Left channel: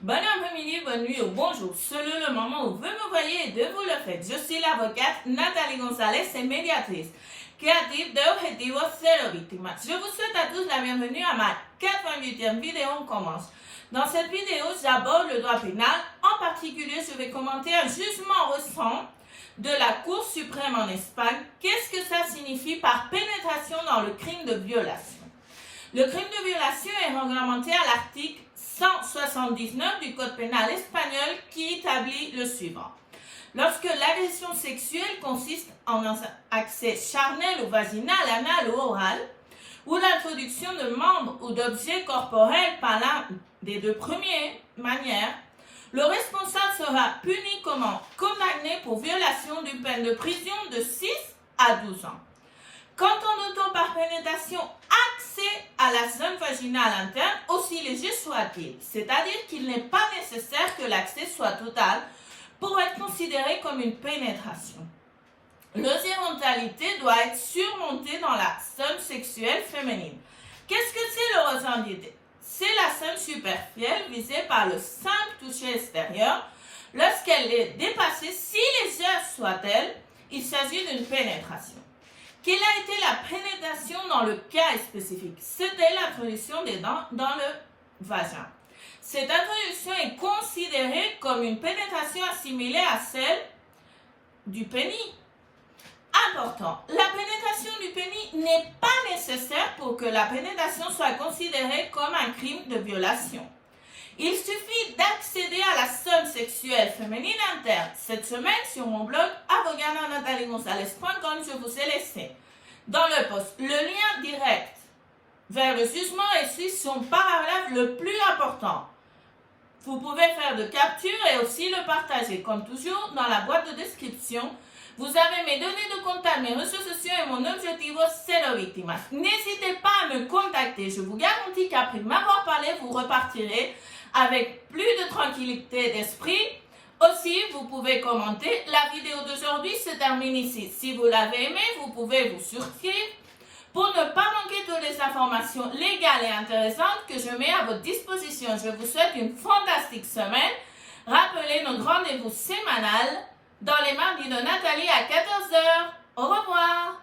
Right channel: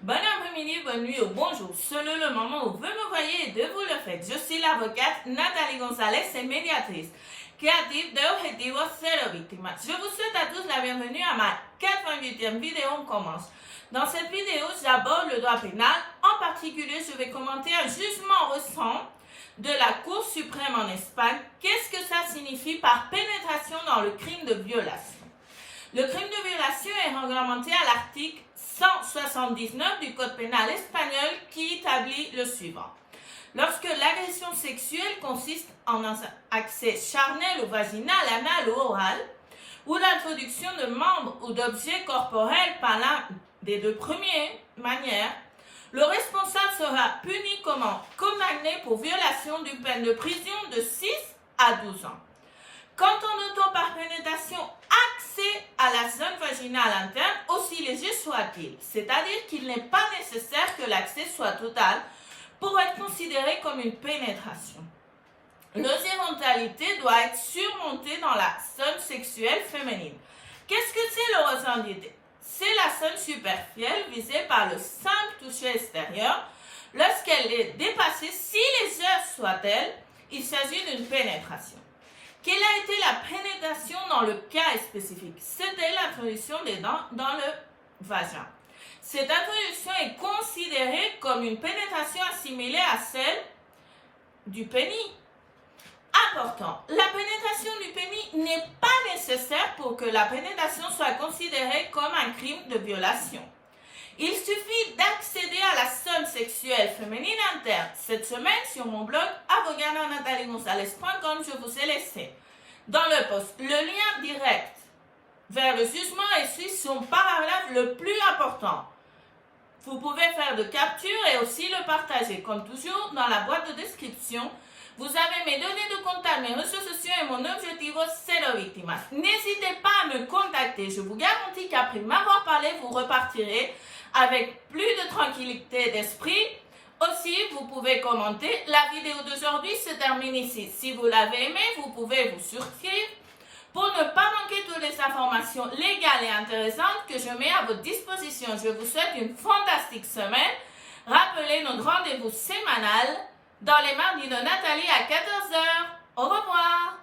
Bon après-midi, bonne nuit ou bonjour. Selon le moment où vous me voyez et de vous le faites, je suis l'avocate Nathalie Gonzalez et médiatrice créative de Objetivo Cero Víctimas. Je vous souhaite à tous la bienvenue à ma 88e vidéo. On commence. Dans cette vidéo, j'aborde le droit pénal. En particulier, je vais commenter un jugement récent de la Cour suprême en Espagne. Qu'est-ce que ça signifie par pénétration dans le crime de violation? Le crime de violation est réglementé à l'article 179 du Code pénal espagnol qui établit le suivant. Lorsque l'agression sexuelle consiste en un accès charnel ou vaginal, anal ou oral, ou l'introduction de membres ou d'objets corporels par l'un des deux premières manières, le responsable sera puni comme condamné pour violation d'une peine de prison de 6 à 12 ans. Quand on entend par pénétration accès à la zone vaginale interne, aussi léger soit-il, c'est-à-dire qu'il n'est pas nécessaire que l'accès soit total pour être considéré comme une pénétration. L'horizontalité doit être surmontée dans la zone sexuelle féminine. Qu'est-ce que c'est l'horizontalité? C'est la zone superficielle visée par le simple toucher extérieur. Lorsqu'elle est dépassée, si légère soit-elle, il s'agit d'une pénétration. Quelle a été la pénétration dans le cas spécifique? C'était l'introduction des dents dans le vagin. Cette introduction est considérée comme une pénétration assimilée à celle du pénis. Important, la pénétration du pénis n'est pas nécessaire pour que la pénétration soit considérée comme un crime de violation. Il suffit d'accéder à la zone sexuelle féminine interne. Cette semaine, sur mon blog avocatanathaliegonzalez.com, je vous ai laissé dans le post le lien direct vers le jugement et suit son paragraphe le plus important. Vous pouvez faire de capture et aussi le partager. Comme toujours, dans la boîte de description, vous avez mes données de contact, mes réseaux sociaux et mon Objetivo Cero Víctimas. N'hésitez pas à me contacter. Je vous garantis qu'après m'avoir parlé, vous repartirez avec plus de tranquillité d'esprit. Aussi, vous pouvez commenter. La vidéo d'aujourd'hui se termine ici. Si vous l'avez aimé, vous pouvez vous souscrire pour ne pas manquer toutes les informations légales et intéressantes que je mets à votre disposition. Je vous souhaite une fantastique semaine. Rappelez notre rendez-vous sémanal dans les mardis de Nathalie à 14h. Au revoir.